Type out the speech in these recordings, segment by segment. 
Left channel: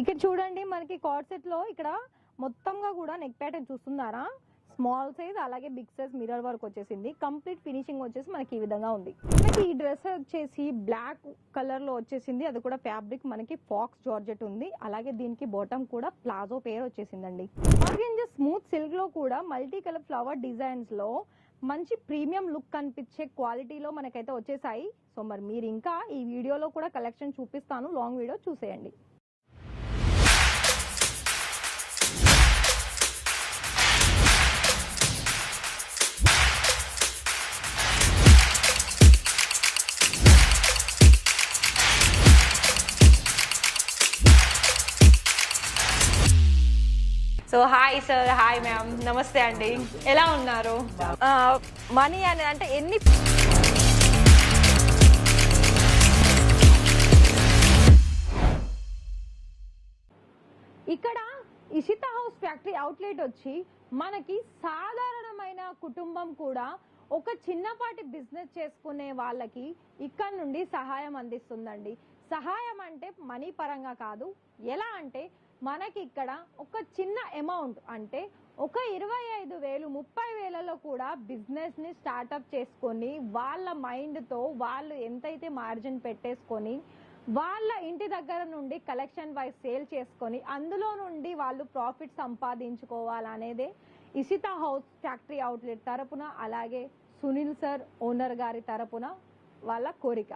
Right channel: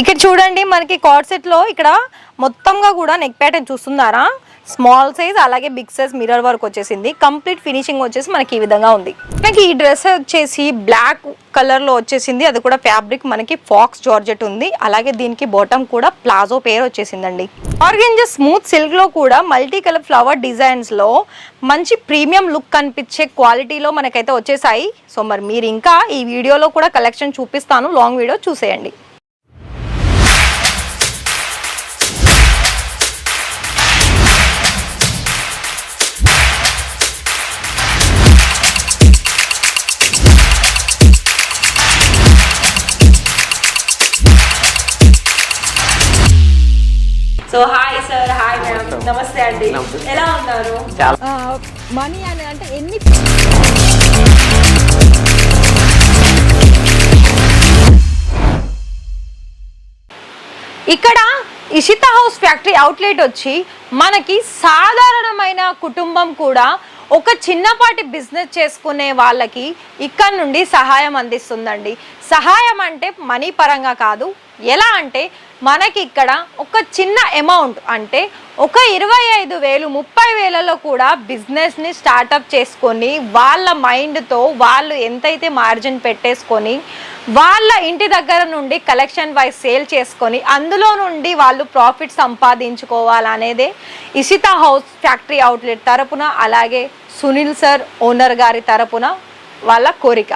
ఇక్కడ చూడండి మనకి కార్డ్ సెట్ లో ఇక్కడ మొత్తంగా కూడా నెక్ ప్యాటర్న్ చూస్తున్నారా, స్మాల్ సైజ్ అలాగే బిగ్ సైజ్ మిర్రర్ వర్క్ వచ్చేసింది. కంప్లీట్ ఫినిషింగ్ వచ్చేసి మనకి ఈ విధంగా ఉంది. మనకి ఈ డ్రెస్ వచ్చేసి బ్లాక్ కలర్ లో వచ్చేసింది, అది కూడా ఫ్యాబ్రిక్ మనకి ఫాక్స్ జార్జెట్ ఉంది. అలాగే దీనికి బాటమ్ కూడా ప్లాజో పేర్ వచ్చేసిందండి. ఆర్గెంజా స్మూత్ సిల్క్ లో కూడా మల్టీ కలర్ ఫ్లవర్ డిజైన్స్ లో మంచి ప్రీమియం లుక్ కనిపించే క్వాలిటీలో మనకైతే వచ్చేసాయి. సో మరి మీరు ఇంకా ఈ వీడియోలో కూడా కలెక్షన్ చూపిస్తాను, లాంగ్ వీడియో చూసేయండి. So hi sir, hi madam, నమస్తే అండి, ఎలా ఉన్నారు? మనీ అని అంటే ఎన్ని ఇక్కడ ఇషితా హౌస్ ఫ్యాక్టరీ అవుట్లెట్ వచ్చి మనకి సాధారణమైన కుటుంబం కూడా ఒక చిన్నపాటి బిజినెస్ చేసుకునే వాళ్ళకి ఇక్కడ నుండి సహాయం అందిస్తుందండి. సహాయం అంటే మనీ పరంగా కాదు, ఎలా అంటే మనకి ఇక్కడ ఒక చిన్న అమౌంట్ అంటే ఒక 25,000 30,000లో కూడా బిజినెస్ని స్టార్టప్ చేసుకొని వాళ్ళ మైండ్తో వాళ్ళు ఎంతైతే మార్జిన్ పెట్టేసుకొని వాళ్ళ ఇంటి దగ్గర నుండి కలెక్షన్ వైజ్ సేల్ చేసుకొని అందులో నుండి వాళ్ళు ప్రాఫిట్ సంపాదించుకోవాలనేదే ఇషితా హౌస్ ఫ్యాక్టరీ అవుట్లెట్ తరపున అలాగే సునీల్ సార్ ఓనర్ గారి తరపున వాళ్ళ కోరిక.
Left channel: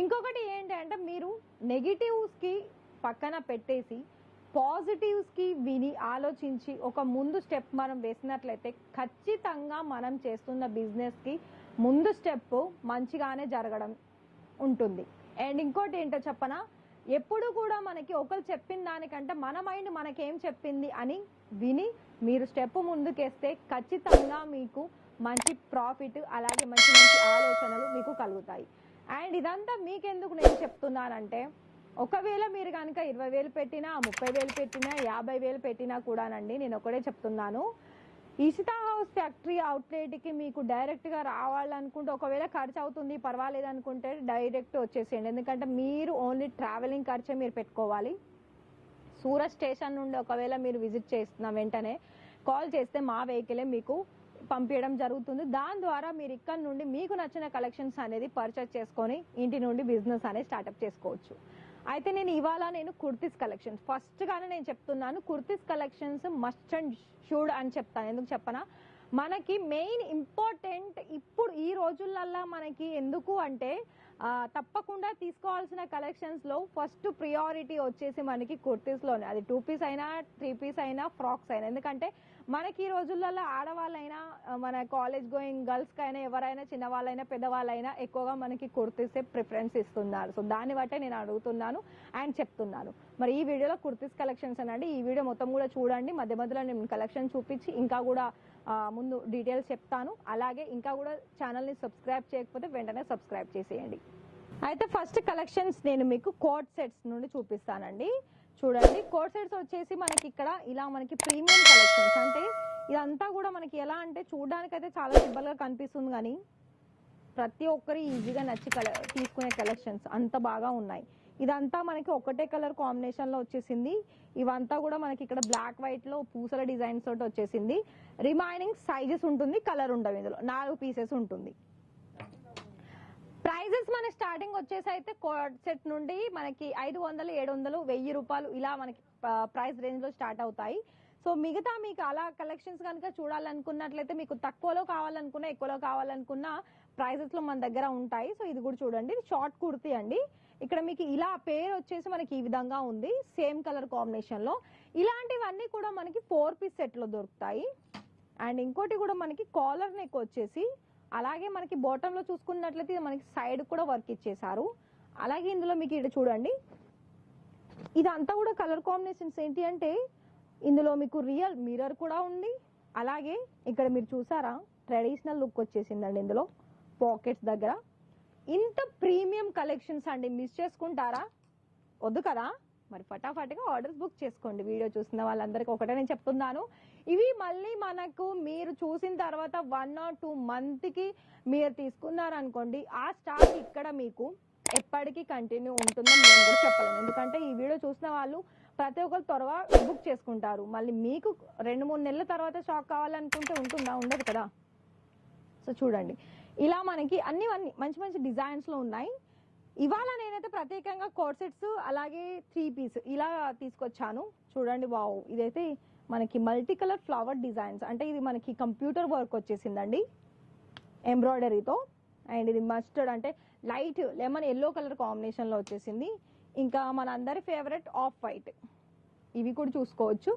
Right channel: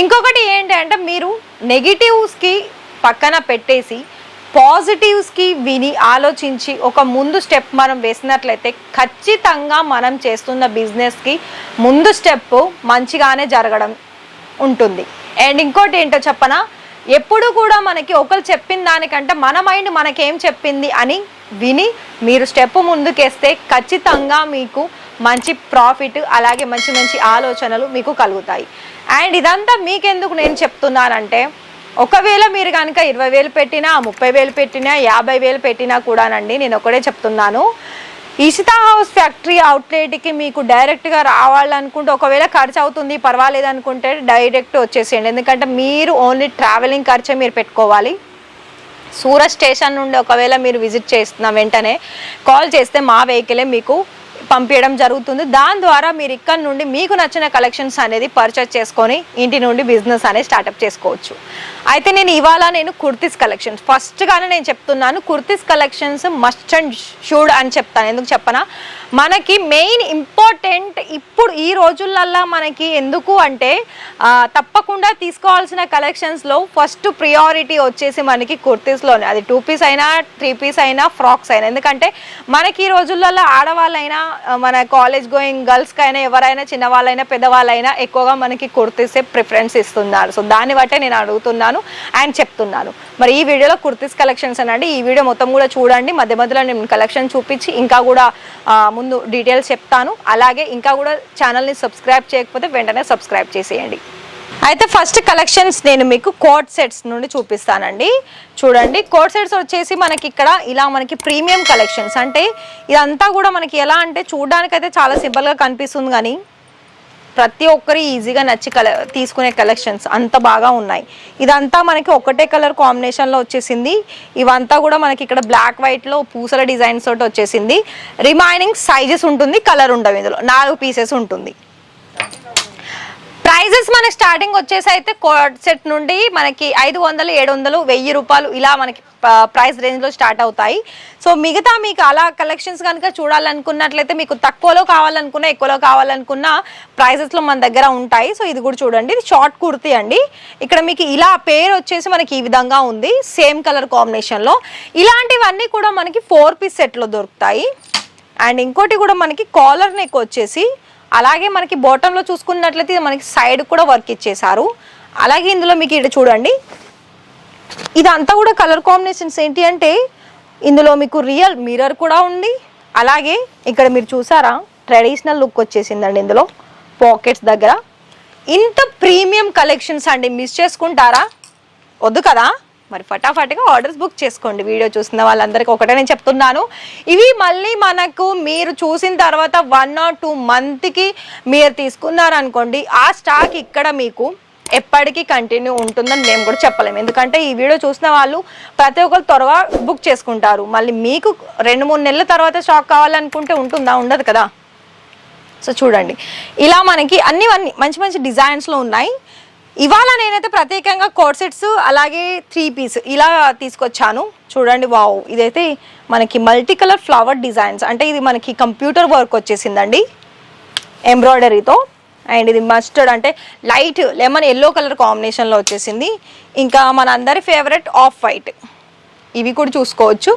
ఇంకొకటి ఏంటంటే మీరు నెగిటివ్స్కి పక్కన పెట్టేసి పాజిటివ్స్కి విని ఆలోచించి ఒక ముందు స్టెప్ మనం వేసినట్లయితే ఖచ్చితంగా మనం చేస్తున్న బిజినెస్కి ముందు స్టెప్ మంచిగానే జరగడం ఉంటుంది. అండ్ ఇంకోటి ఏంటో చెప్పనా, ఎప్పుడు కూడా మనకి ఒకరు చెప్పిన దానికంటే మన మైండ్ మనకేం చెప్పింది అని విని మీరు స్టెప్ ముందుకేస్తే ఖచ్చితంగా మీకు మంచి ప్రాఫిట్ అలాగే మంచి మంచి ఆలోచనలు మీకు కలుగుతాయి. అండ్ ఇదంతా మీకెందుకు నేను చెప్తున్నానంటే ఒకవేళ మీరు కనుక 20,000 పెట్టినా 30,000 పెట్టినా 50,000 పెట్టినా కూడానండి, నేను ఒకటే చెప్తున్నాను, ఇషితా హౌస్ ఫ్యాక్టరీ అవుట్లెట్కి మీకు డైరెక్ట్గా రావాలనుకుంటే ఒకవేళ ఖర్చు అవుతుంది పర్వాలేదు అనుకుంటే డైరెక్ట్ వచ్చేసేయండి. ఎందుకంటే మీరు ఓన్లీ ట్రావెలింగ్ ఖర్చే మీరు పెట్టుకోవాలి. సూరత్ స్టేషన్ నుండి ఒకవేళ మీరు విజిట్ చేస్తున్న వెంటనే కాల్ చేస్తే మా వెహికలే మీకు పంపించడం జరుగుతుంది. దాని ద్వారా మీరు ఇక్కడ నుండి మీకు నచ్చిన కలెక్షన్స్ అనేది పర్చేస్ చేసుకొని ఇంటి నుండి బిజినెస్ అనేది స్టార్ట్అప్ చేసుకోవచ్చు. అయితే నేను కుర్తీస్ కలెక్షన్స్ ఫస్ట్గానే నేను చెప్తున్నాను, kurtis collections must and should అని చెప్తాను. ఎందుకు చెప్పనా, మనకి మెయిన్ ఇంపార్టెంట్ ఇప్పుడు ఈ రోజులల్లో మనకి ఎందుకు అంటే తప్పకుండా తీసుకోవాల్సిన కలెక్షన్స్లో ఫస్ట్ ప్రియారిటీ వచ్చేసి మనకి కుర్తీస్లోనే, అది 2 పీస్ అయినా 3 పీస్ అయినా ఫ్రాక్స్ అయినా. ఎందుకంటే మనకి ఈ రోజులలో ఆడవాళ్ళైనా మన కాలేజ్ గోయింగ్ గర్ల్స్కి అయినా ఎవరైనా చిన్నవాళ్ళైనా పెద్దవాళ్ళైనా ఎక్కువగా మనకి కుర్తీసే ప్రిఫరెన్స్ ఇస్తున్నారు. సో దాన్ని బట్టే నేను అడుగుతున్నాను అండ్ చెప్తున్నాను. మరి ఈ వీడియోలో కుర్తీస్ కలెక్షన్స్ అనండి, ఈ వీడియో మొత్తం కూడా చూడండి. మధ్య మధ్యలో నేను కలెక్షన్ చూపించి ఇంకా కూడా ముందు డీటెయిల్స్ చెప్తాను. అలాగే ఇంకా కూడా ఛానల్ని సబ్స్క్రైబ్ చేయకపోతే వెంటనే సబ్స్క్రైబ్ చేసేయండి. అయితే ఫస్ట్ కలెక్షన్స్ నేను మీకు కోట్ సెట్స్ నుండి చూపిస్తానండి. చూడండి, కోట్ సెట్స్ వచ్చేసి మనకి ఇక్కడ ఇలా మనకి ప్రీమియం కలెక్షన్స్, అంటే ఇదంతా కూడా మనకి ఎలా అంటే చూడడానికైతే చాలా సింపుల్గా కనిపిస్తుంది కానీ ప్రతి ఒక్కరు ఈజీగా నచ్చి తీసుకునే కలెక్షన్స్ అంత బాగా ఉన్నాయి. ఇదంతా మనకి ఒకటే కలర్ కాంబినేషన్లో వచ్చేసింది. ఇవంతా కూడా మనకి ఇక్కడ బ్లాక్ వైట్లో పూసల డిజైన్స్ తోటి వచ్చేసింది. రిమైనింగ్ సైజెస్ ఉంటుంది, కలర్ ఉండవు. ఇందులో 4 పీసెస్ ఉంటుంది. ప్రైజెస్ మన స్టార్టింగ్ వచ్చేసి అయితే కోట్ సెట్ నుండి మనకి 500, 700, 1000 రూపాయలు ఇలా మనకి ప్రైస్ రేంజ్లో స్టార్ట్ అవుతాయి. సో మిగతా మీకు అలా కలెక్షన్స్ కనుక చూడాలనుకున్నట్లయితే మీకు తక్కువలో కావాలనుకున్నా ఎక్కువలో కావాలనుకున్న ప్రైజెస్లో మన దగ్గర ఉంటాయి. సో ఇది కూడా చూడండి, ఇది షార్ట్ కుర్తీ అండి. ఇక్కడ మీకు ఇలా పేరు వచ్చేసి మనకి ఈ విధంగా ఉంది, సేమ్ కలర్ కాంబినేషన్లో. ఇలాంటివన్నీ కూడా మనకి 4 పీస్ సెట్లో దొరుకుతాయి. అండ్ ఇంకోటి కూడా మనకి కాలర్ నెక్ వచ్చేసి అలాగే మనకి బాటంలో చూసుకున్నట్లయితే మనకి సైడ్ కూడా వర్క్ ఇచ్చేసారు. అలాగే ఇందులో మీకు ఇక్కడ చూడండి, ఇదంతా కూడా కలర్ కాంబినేషన్స్ ఏంటి అంటే ఇందులో మీకు రియల్ మిర్రర్ కూడా ఉంది. అలాగే ఇక్కడ మీరు చూసారా ట్రెడిషనల్ లుక్ వచ్చేసిందండి. ఇందులో పాకెట్స్ దగ్గర ఇంత ప్రీమియం కలెక్షన్స్ అండి, మిస్ చేసుకుంటారా? వద్దు కదా, మరి ఫటాఫట్గా ఆర్డర్స్ బుక్ చేసుకోండి. వీడియో చూసిన వాళ్ళందరికీ ఒకటే నేను చెప్తున్నాను, ఇవి మళ్ళీ మనకు మీరు చూసిన తర్వాత 1 or 2 మంత్కి మీరు తీసుకున్నారనుకోండి, ఆ స్టాక్ ఇక్కడ మీకు ఎప్పటికీ కంటిన్యూ ఉంటుందని మేము కూడా చెప్పలేము. ఎందుకంటే ఈ వీడియో చూసిన వాళ్ళు ప్రతి ఒక్కరు త్వరగా బుక్ చేసుకుంటారు. మళ్ళీ మీకు 2-3 నెలల తర్వాత స్టాక్ కావాలనుకుంటే ఉంటుందా? ఉండదు కదా. సో చూడండి, ఇలా మనకి అన్ని మంచి మంచి డిజైన్స్లో ఉన్నాయి. ఇవాళ నేనైతే ప్రత్యేకంగా కోట్ సెట్స్ అలాగే 3 పీస్ ఇలా తీసుకొచ్చాను. చూడండి, వావ్, ఇదైతే మనకి మల్టీ కలర్ ఫ్లవర్ డిజైన్స్, అంటే ఇది మనకి కంప్యూటర్ వర్క్ వచ్చేసిందండి ఎంబ్రాయిడరీతో. అండ్ ఇది మస్టర్డ్ అంటే లైట్ లెమన్ ఎల్లో కలర్ కాంబినేషన్లో వచ్చేసింది. ఇంకా మన అందరి ఫేవరెట్ ఆఫ్ వైట్, ఇవి కూడా చూసుకోవచ్చు.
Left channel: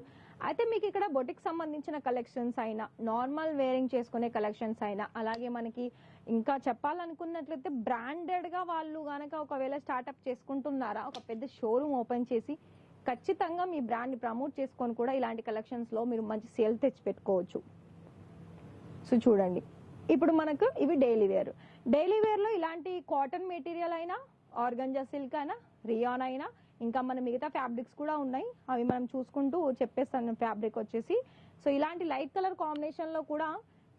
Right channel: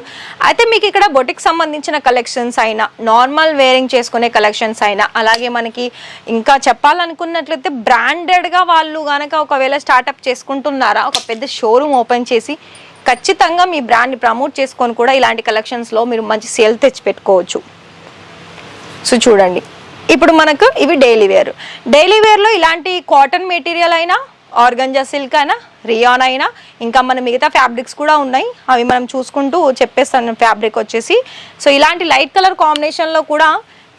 అయితే మీకు ఇక్కడ బొటిక్ సంబంధించిన కలెక్షన్స్ అయినా, నార్మల్ వేరింగ్ చేసుకునే కలెక్షన్స్ అయినా, అలాగే మనకి ఇంకా చెప్పాలనుకున్నట్లయితే బ్రాండెడ్గా వాళ్ళు కనుక ఒకవేళ స్టార్ట్అప్ చేసుకుంటున్నారా, ఒక పెద్ద షోరూమ్ ఓపెన్ చేసి ఖచ్చితంగా మీ బ్రాండ్ని ప్రమోట్ చేసుకొని కూడా ఇలాంటి కలెక్షన్స్లో మీరు మంచి సేల్ తెచ్చి పెట్టుకోవచ్చు. సో చూడండి, ఇప్పుడు మనకు ఇవి డైలీ వేర్లో ఇలాంటి కాటన్ మెటీరియల్ అయినా, ఆర్గంజా సిల్క్ అయినా, రియాన్ అయినా, ఇంకా మన మిగతా ఫ్యాబ్రిక్స్ కూడా ఉన్నాయి. అవి మనం చూసుకుంటూ చెప్పేస్తాను ఫ్యాబ్రిక్ వచ్చేసి. సో ఇలాంటి లైట్ కలర్ కాంబినేషన్లో కూడా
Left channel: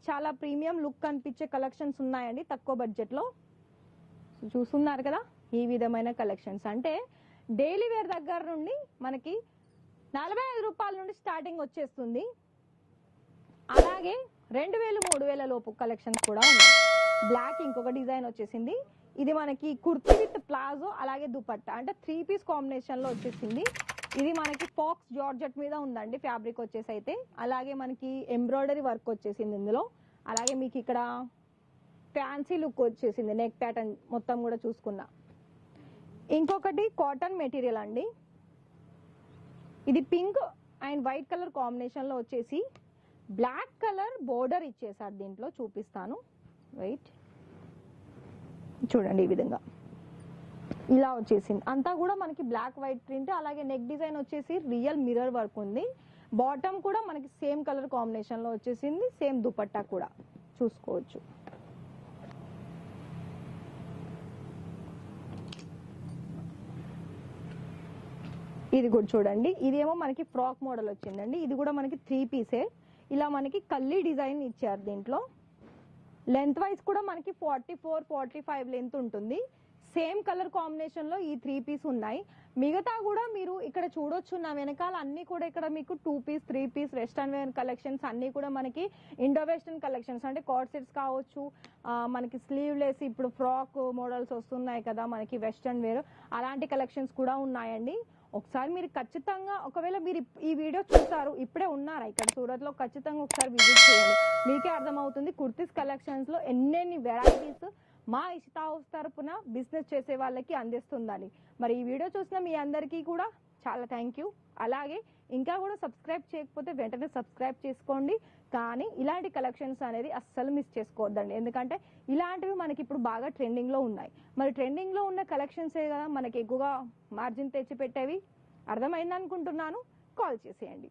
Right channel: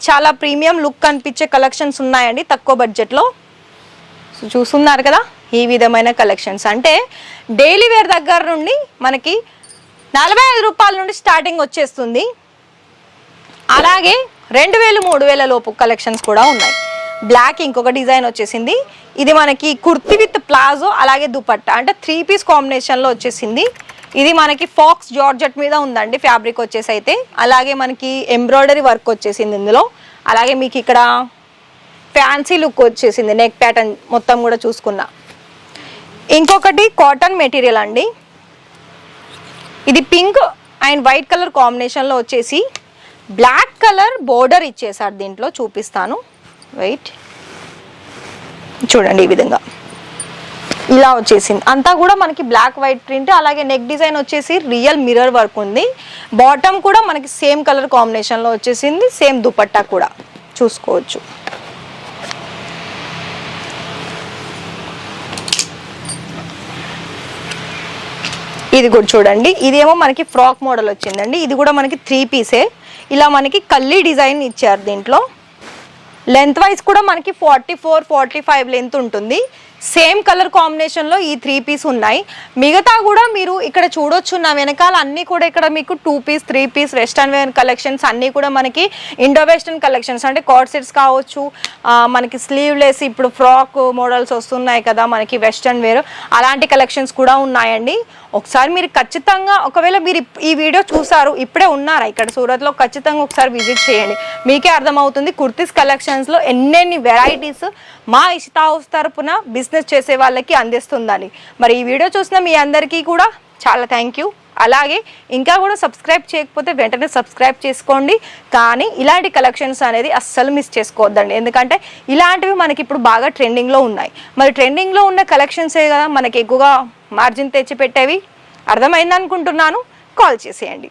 చాలా ప్రీమియం లుక్ కనిపించే కలెక్షన్స్ ఉన్నాయండి తక్కువ బడ్జెట్లో. సో చూస్తున్నారు కదా, ఈ విధమైన కలెక్షన్స్ అంటే డైలీ వేర్ దగ్గర నుండి మనకి 45 రూపాయల నుండి స్టార్టింగ్ వచ్చేస్తుంది. అలాగే 2000-3000 లోపు కలెక్షన్స్ కూడా ఉన్నాయి. బ్లాక్ ఇంకొక డిజైన్ వచ్చేసింది. ఇది మనకి కుర్తి విత్ ప్లాజో అలాగే దుపట్టా, అంటే 3 పీస్ కాంబినేషన్లో వచ్చేసింది. ఇది మనకి ఫాక్స్ జార్జెట్ మీద ఉందండి ఫ్యాబ్రిక్ వచ్చేసి. అయితే అలాగే మనకి ఎంబ్రాయిడరీ వర్క్ వచ్చేసింది ఇందులో. అలాగే మీకు ఇక్కడ ఫ్యాన్సీ లుక్ వచ్చేసింది, నెక్ ప్యాటర్న్ మొత్తం కూడా చూసుకున్నా. ఇంకొకటి కాటన్ మెటీరియల్ అండి. ఇది పింక్ అండ్ వైట్ కలర్ కాంబినేషన్లో వచ్చేసి బ్లాక్ కలర్ బోర్డర్ ఇచ్చేసారు. దీంట్లో చూపిస్తాను, వెయిట్ చూడండి. ఈ విధంగా ఇలా వచ్చేసింది. అంతా కూడా మనకి బ్లాక్ వైట్ ప్రింట్. అలాగే నెక్ డిజైన్ వచ్చేసి రియల్ మిర్రర్ వర్క్ ఉంది. బాటమ్ కూడా మనకి సేమ్ కలర్ కాంబినేషన్లో వచ్చేసింది. సేమ్ దుపట్టా కూడా చూసుకోవచ్చు. ఇది కూడా చూడండి, ఇదేమో మనకి ఫ్రాక్ మోడల్ వచ్చిందండి. ఇది కూడా మనకి 3 పీసే. ఇలా మనకి కల్లీ డిజైన్ ఇచ్చారు. దీంట్లో లెంత్ వైజ్ కూడా మనకి 44-45 లెంత్ ఉంటుంది. సేమ్ కలర్ కాంబినేషన్లో ఈ 3 పీస్ ఉన్నాయి. మిగతా కూడా మీరు ఇక్కడ చూడొచ్చు. నా వెనకాల అన్నీ కూడా ఇక్కడ మీకు 2 piece 3 piece western wear collections అన్నీ కూడా మనకి ఇండో వెస్టర్న్ కలెక్షన్స్, అంటే కోట్ సెట్స్ కావచ్చు, మనకి స్లీవ్లెస్ ఇప్పుడు ఫ్రాక్ మోడల్స్ వస్తున్నాయి కదా మనకి వెస్టర్న్ వేర్, అలాంటి కలెక్షన్స్ కూడా ఉన్నాయండి. ఒకసారి మీరు ఖచ్చితంగా, ఒకవేళ మీరు ఈ వీడియో చూసారు ఇప్పుడే ఉన్నారా ఇక్కడ సూరత్లో, ఖచ్చితంగా ఒకసారి విజిట్ చేయండి. మీకే అర్థమవుతుంది కుర్తీస్ కలెక్షన్స్లో ఎన్నెన్ని వెరైటీస్ మా ఇషితా హౌస్ తరపున బిజినెస్ చేసే వాళ్ళకి అందిస్తుందని. మరి ఈ వీడియో చూసిన మీ అందరికీ కూడా చాలా థ్యాంక్ యూ. అలాగే ఇంకా కూడా సబ్స్క్రైబ్ చేయకపోతే వెంటనే సబ్స్క్రైబ్ చేసుకోండి. కానీ ఇలాంటి కలెక్షన్స్ అనేది అస్సలు మిస్ చేసుకోవద్దండి, ఎందుకంటే ఇలాంటివి మనకి ఇప్పుడు బాగా ట్రెండింగ్లో ఉన్నాయి. మరి ట్రెండింగ్లో ఉన్న కలెక్షన్సే కదా మనకి ఎక్కువగా మార్జిన్ తెచ్చిపెట్టేవి. అర్థమైంది అనుకుంటున్నాను. కాల్ చేసేయండి.